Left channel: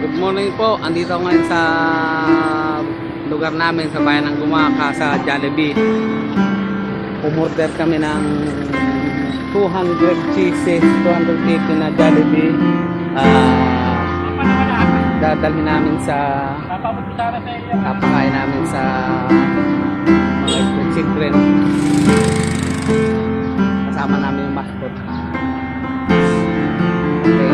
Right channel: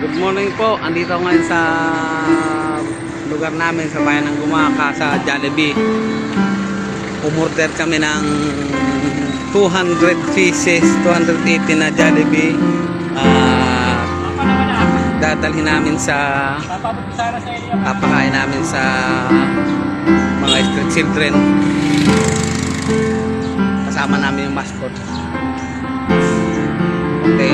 Good morning po. Andito ako ngayon sa lugar namin sa bayan ng Gumaka sa Jollibee. Umorder kami ng 200 pieces, 280 na Jollibee. Dadalhin namin sa papakain namin sa mga street children. Kasama namin yung mascot. Okay.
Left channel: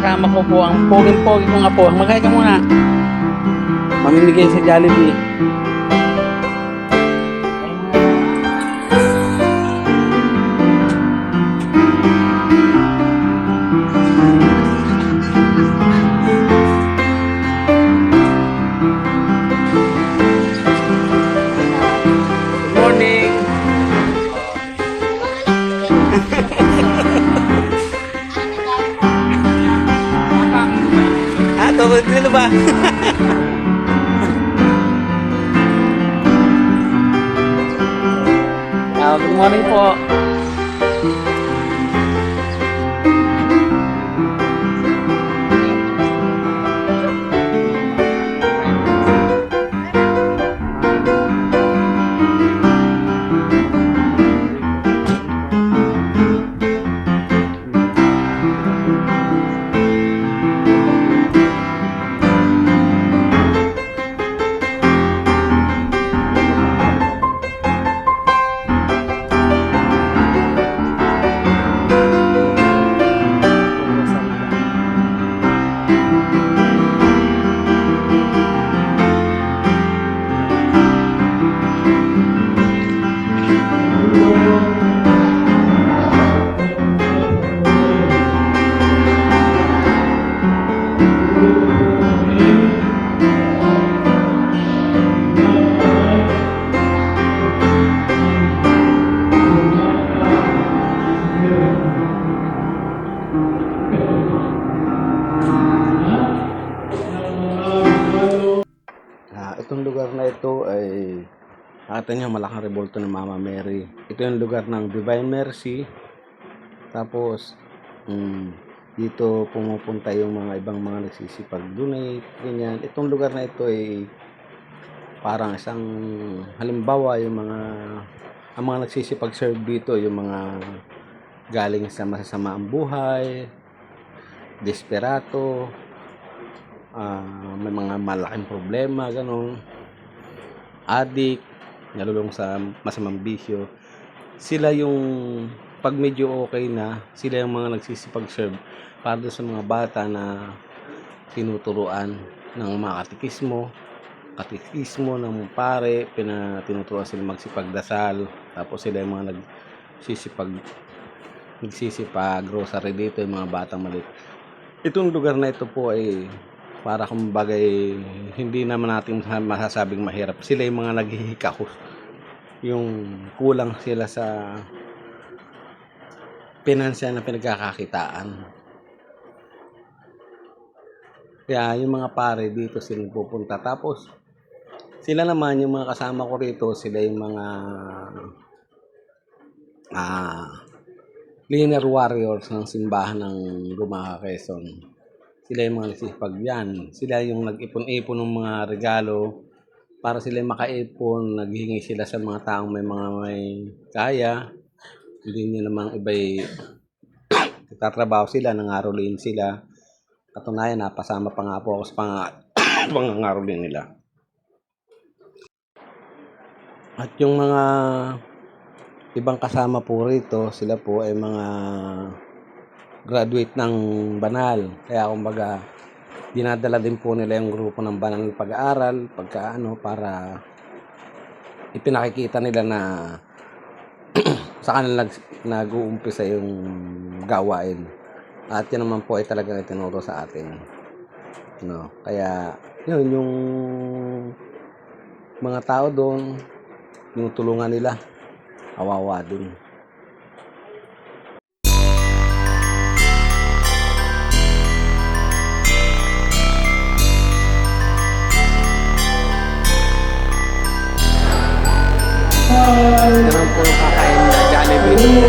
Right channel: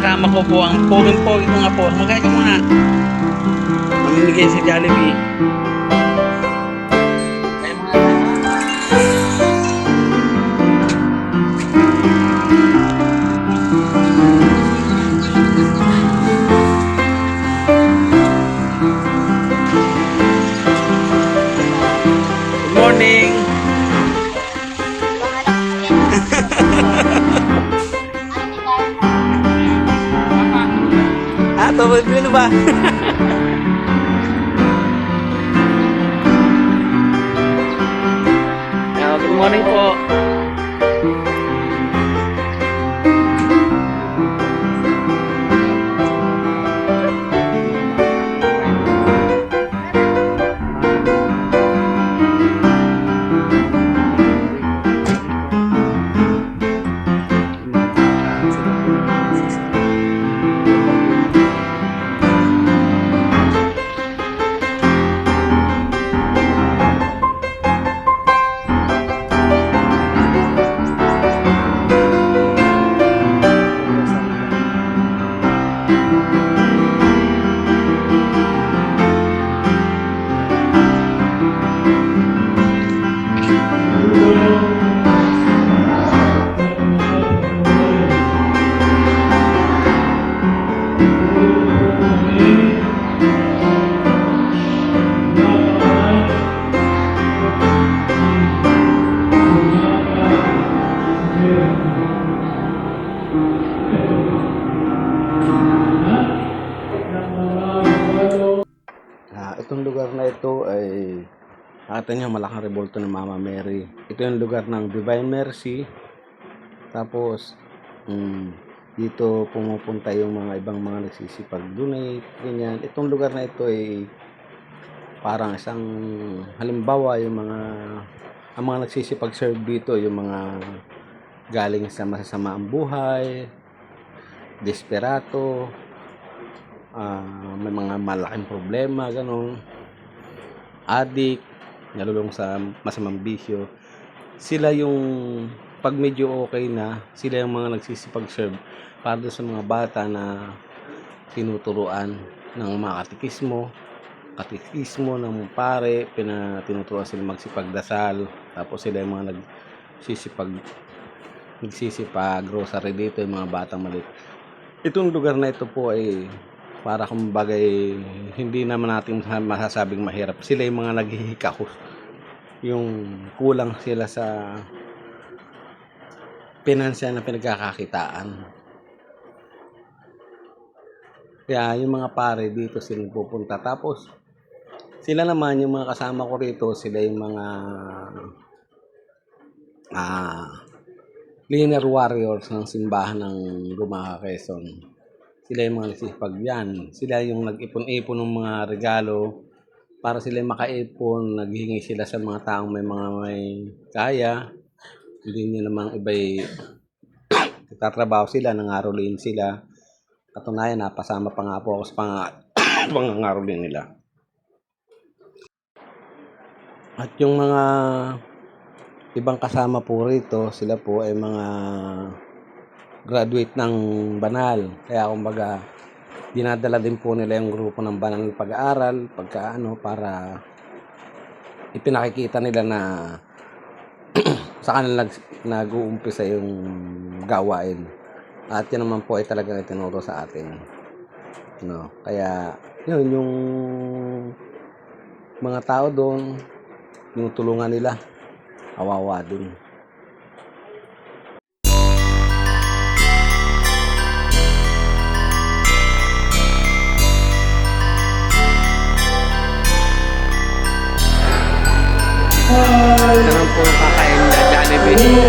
Kasama ko po ang poging-pogi ko nga po. Magkaya ka muna. Mamimigay sa Jollibee. Good morning. Tawag din ba? Good morning po. Itong lugar na ito ay nakita niyo malaking rebulto ng Mama Mary. Ito yung lugar ng Divine Mercy. Tapos dito pumupunta yung mga ibang mga nagsisipag-donate, ganyan. Itong lugar na ito ay parang isang halimbawa yung ang mga nagsisipag-serve dito, yung mga galing sa masasamaang buhay, desperado, may mga malaking problema, ganun, addict, nalulung sa masamang bisyo. Sila yung pag medyo okay na, sila yung mga nagsisipag-serve para sa mga bata na tinuturuan ng mga katikismo ng pare, tinuturuan sila magsipagdasal. Tapos sila yung mga nagsisipag grocery dito, yung mga batang maliit. Itong lugar na ito po ay para kumbagay hindi naman natin masasabing mahirap. Sila yung mga naghihikahos, yung kulang sila sa pinansyal na pinagkakakitaan. Kaya yung mga pare dito sila pupunta. Tapos sila naman yung mga kasama ko rito, sila yung mga linear warriors ng simbahan ng Gumaka, Quezon. Sila yung mga nagsisipag yan. Sila yung nag-ipon-ipon ng mga regalo para sila makaipon. Naghihingi sila sa mga taong may kaya. Hindi nyo namang iba'y tatrabaho sila, nangarolin sila. Katunayan, napasama pa nga po ako sa pangangarolin nila. At yung mga ibang kasama po rito, sila po ay mga graduate ng banal. Kaya kumbaga dinadala din po nila yung grupo ng banal ng pag-aaral para ipinakikita nila na sa kanila nag-uumpisa yung gawain. At yan naman po ay talagang itinuro sa atin. Kaya yun, yung mga tao doon, yung tulungan nila, kawawa din. Bye. Ito naman po yung kakain na Jollibee.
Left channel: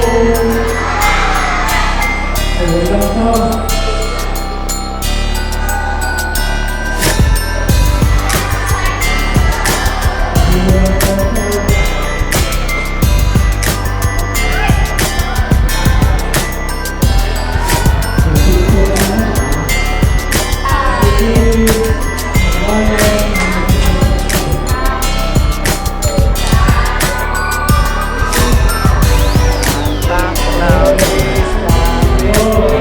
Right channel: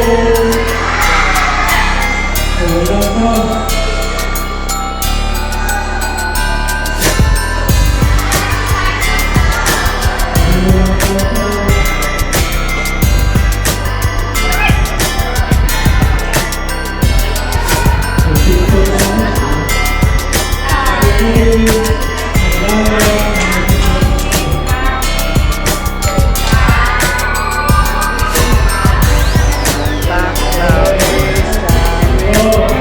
Santa Claus is coming.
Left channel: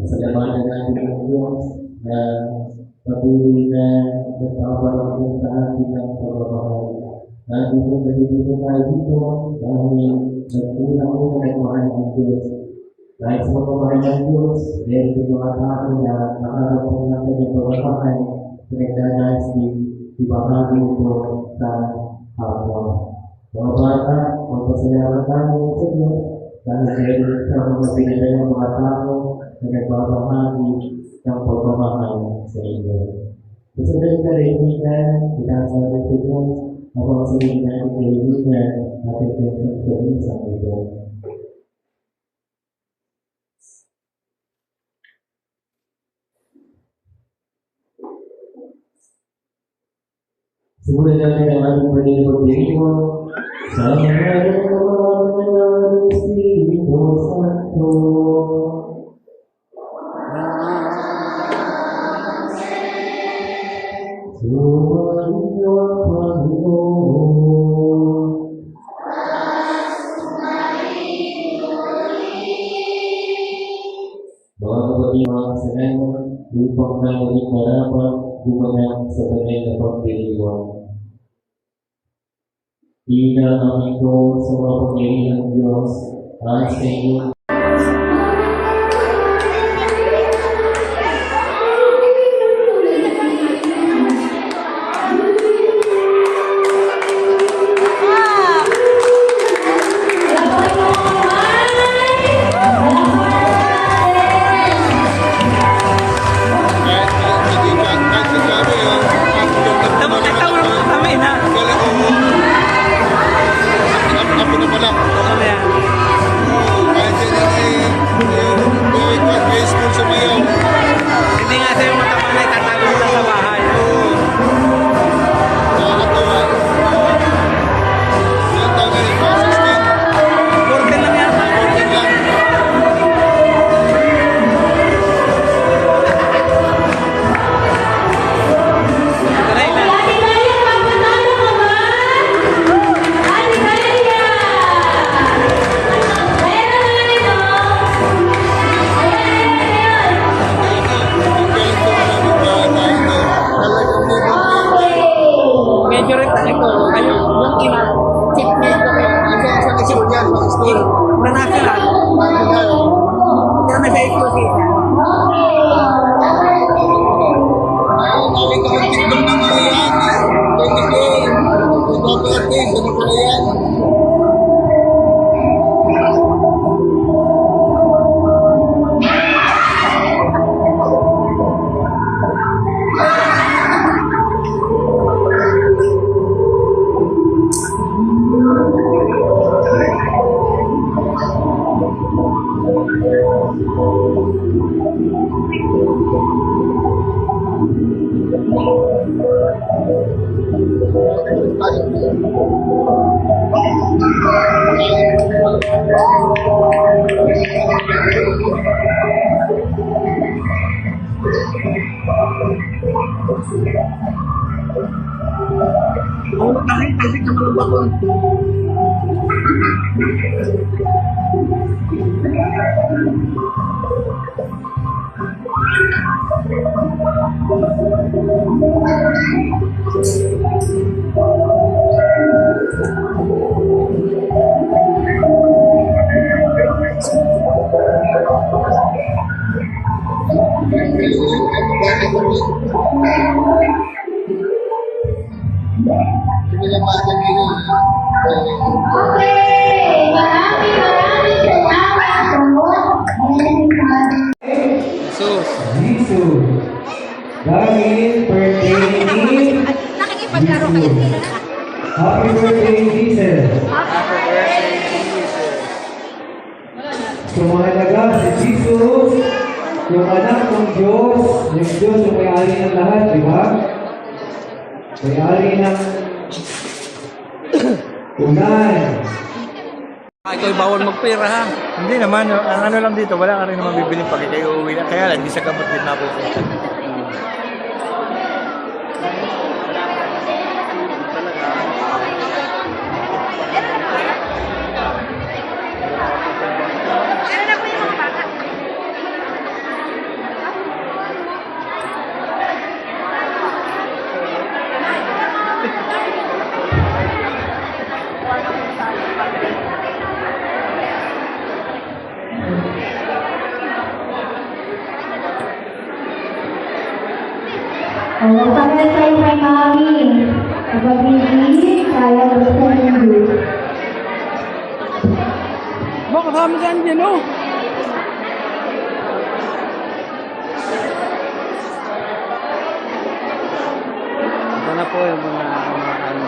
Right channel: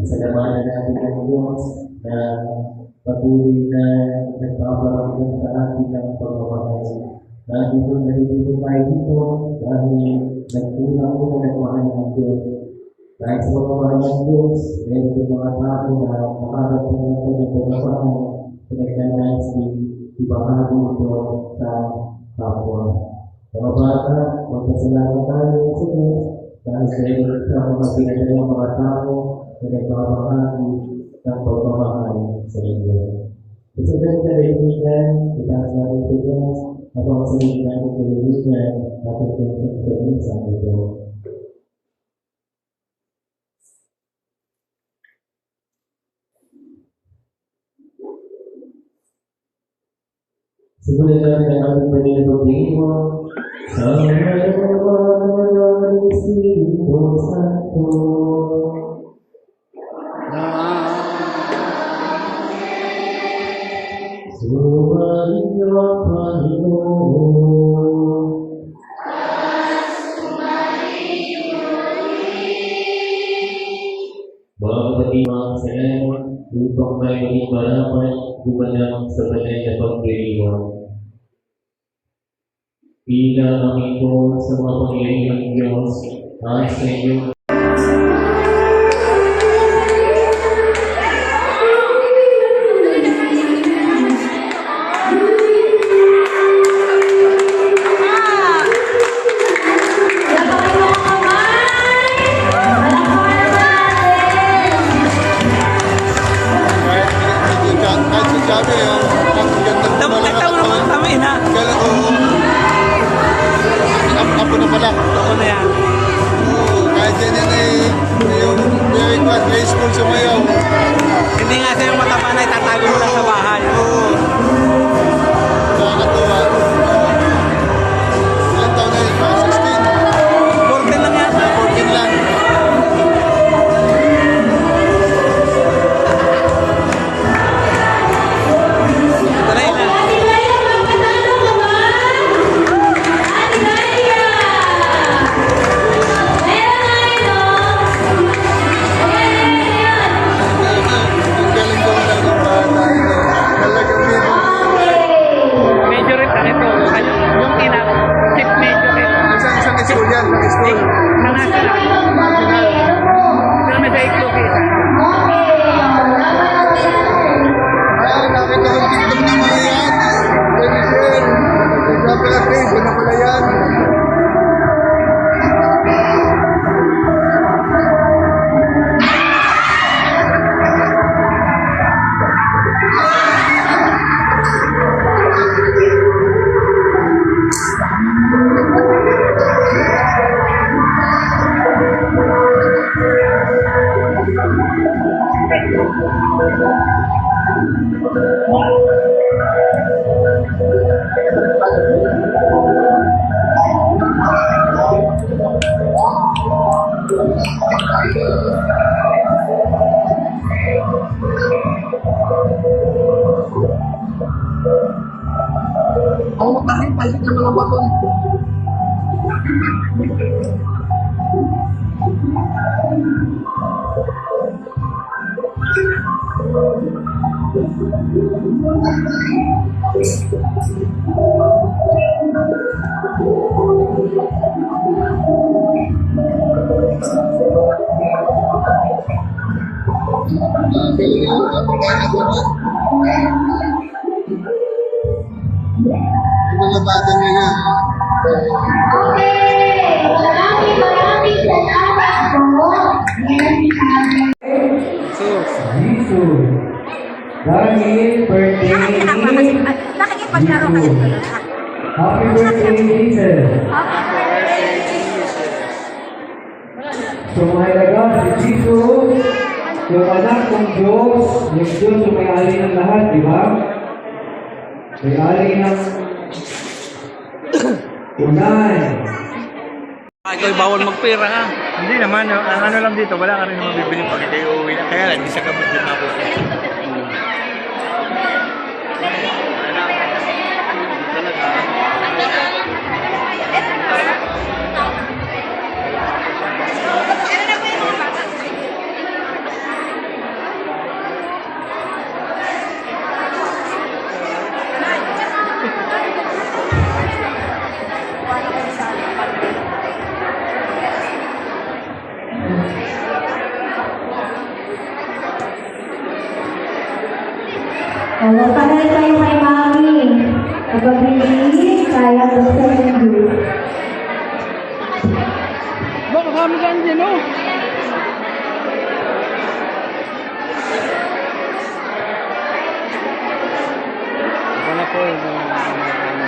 Pasalamatan natin ang Diyos na patuloy na nagpaparamdam sa atin ng pagmamahal. Nandito tayo dito dahil nagtunang-unang nagmahal ng Diyos. Dahil sa pagmamahal ng Diyos, meron yung mga tao na nakarating natin ng pagmamahal sa nagdanasi, ibahagi ito sa kapwa. Mga bata, magpasalamat tayo sa Diyos dahil meron sa mga pinadalang mga tao na nagbabahagi ng pagmamahal sa inyo. Susunod na kaibigan, itaas natin sa Diyos upang sabihin natin kaibigan natin kaibigan sa ito. Simulan natin ang aming pagiging pag-iwan sa mga ng Espiritu Santo. Sumayin niyo ang Panginoon. Mga kapatid, mga kasalanan, upang mayroong maraman gumanap sa banal na pagdiriwang. Pila ang ito sa mga pangyayang Diyos at sa inyo. Ako na pala. Ako na yan. Kahit yan hapon. Jesus. Dahil birthday ni Nakikipaglaro kayo dito. Happy birthday, Jesus. Sumahalaga si Jesus, yung anak ng Diyos, yung Diyos yung may-ari ng lahat, di ba? May-ari ng tunay. Ikaw bawal magpera ha. Hindi naman, ang ano lang dito, wala ka rin mabibili pag kayo uuwi na. Kaya lang, isa ka bukid natin. Magpapalala tayo kay Mami. Magpapalala tayo sa mundo. Baka kami ka dyan, oh! Ito na po yung mga kumakain.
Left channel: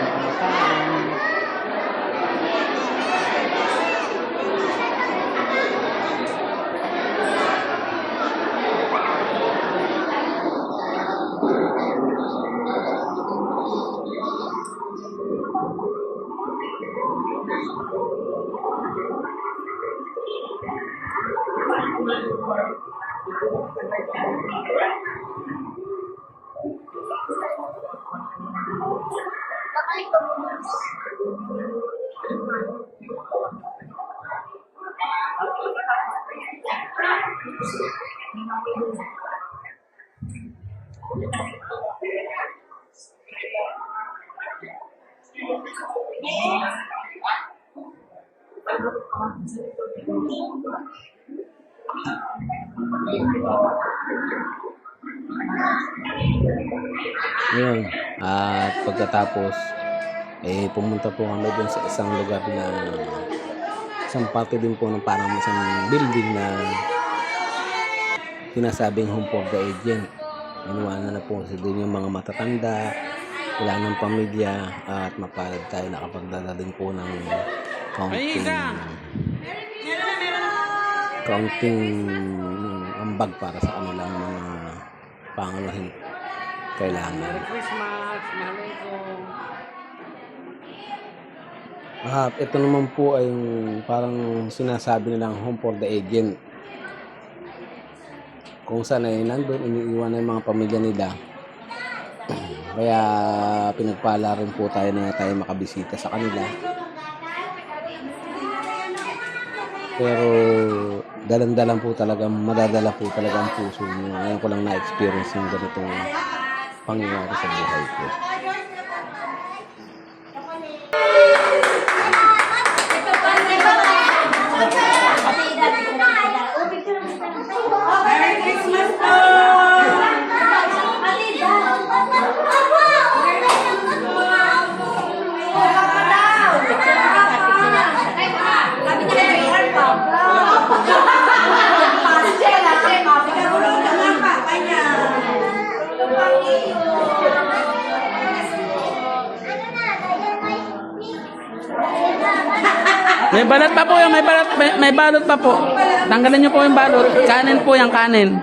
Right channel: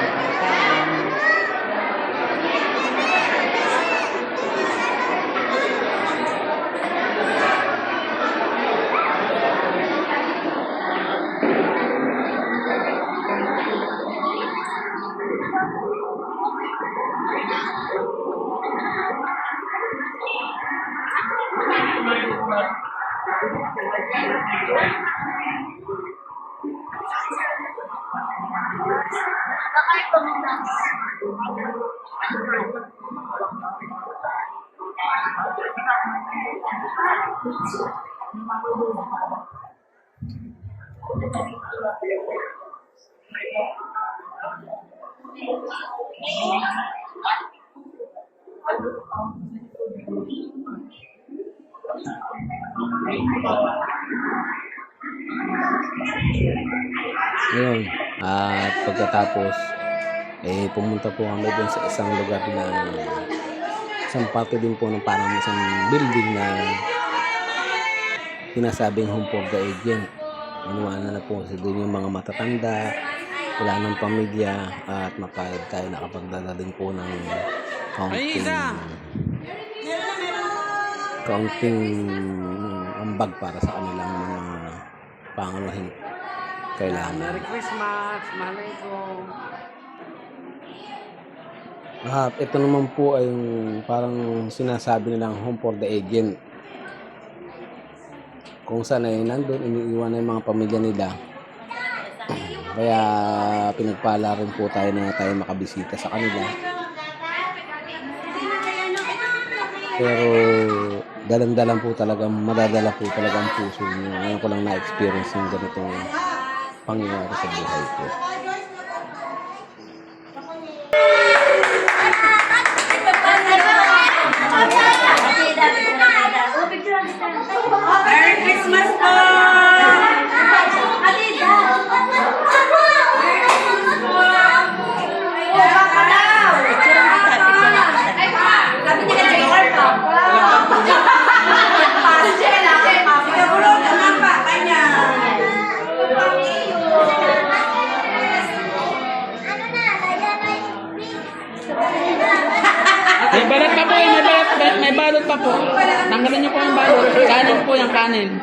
Ngayon, at pagkatapos, pumunta po kami dun sa isang lugar na isang parte din po ng parang isang building na sinasabing home for the agent. Inuwanan na po doon yung mga matatanda, wala ng pamilya, at mapalad tayo nakapagdala din po ng counting ambag para sa kanilang mga pangalahing kailangan. Merry Christmas! Mahalaikum! Ito naman po ay yung parang sinasabi nilang home for the agent. Kung saan ay nandun, iniiwan na yung mga pamilya nila. Kaya pinagpala rin po tayo na tayo makabisita sa kanila. Pero dalang-dalang po talaga, madadala po talaga ang puso niyo. Ngayon ko lang na-experience yung ganitong pangyayari sa buhay ko. Merry Christmas po! May balot pa po yung may balot pa po. Tanggalin niyo po yung balot. Kanin po yung kanin.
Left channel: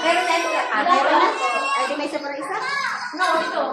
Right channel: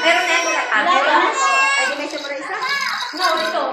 Pero may surprise. No, ito.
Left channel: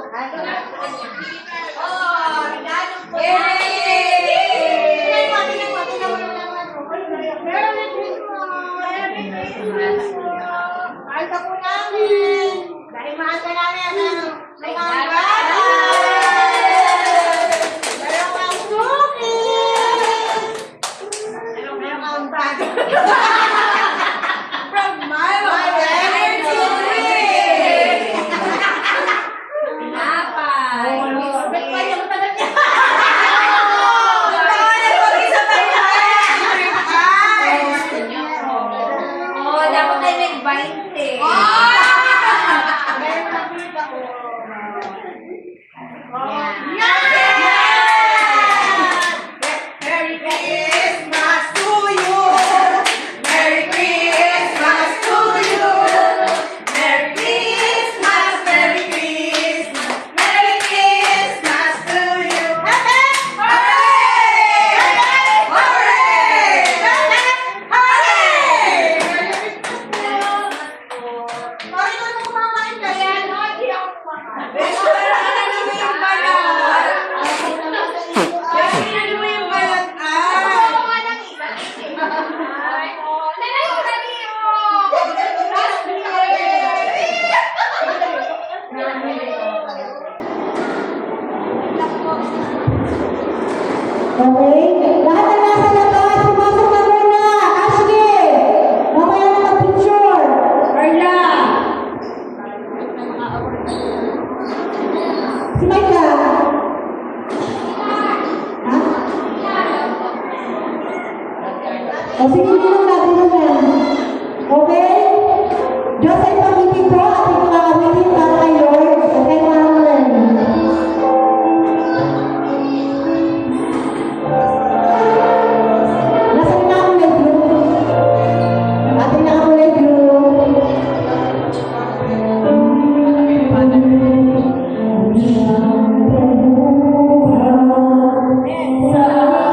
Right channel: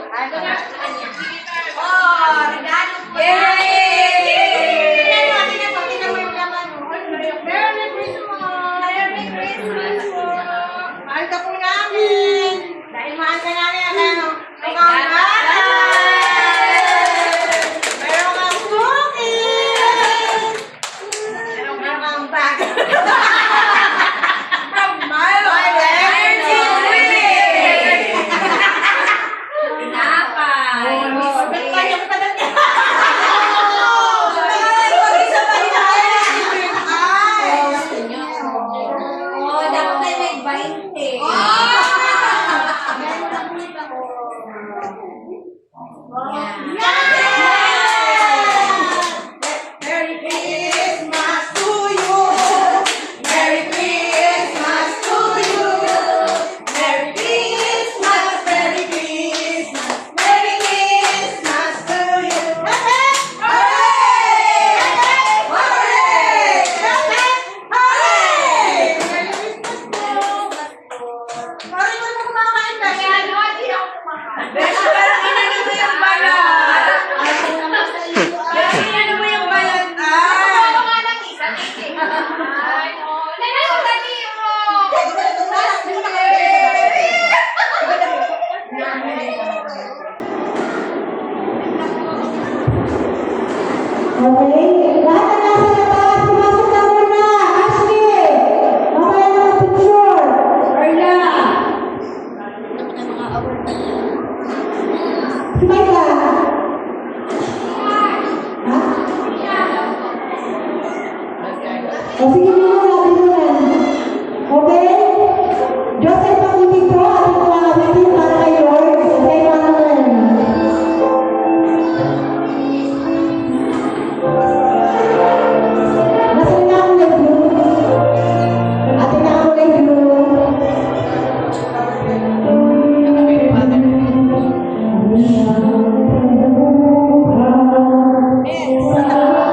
Okay? Lahat na nasa labas, pumasok na muna. Ashley! Mamaya na mag-picture. Erna! Si Maika? Ha? O sige na natin yan. Okay? Joseph, pag-ibig po ating mga awitin para kay Lord. Okay, Mama? Nasaan na ang live view? Atin na ang live view. Sa aking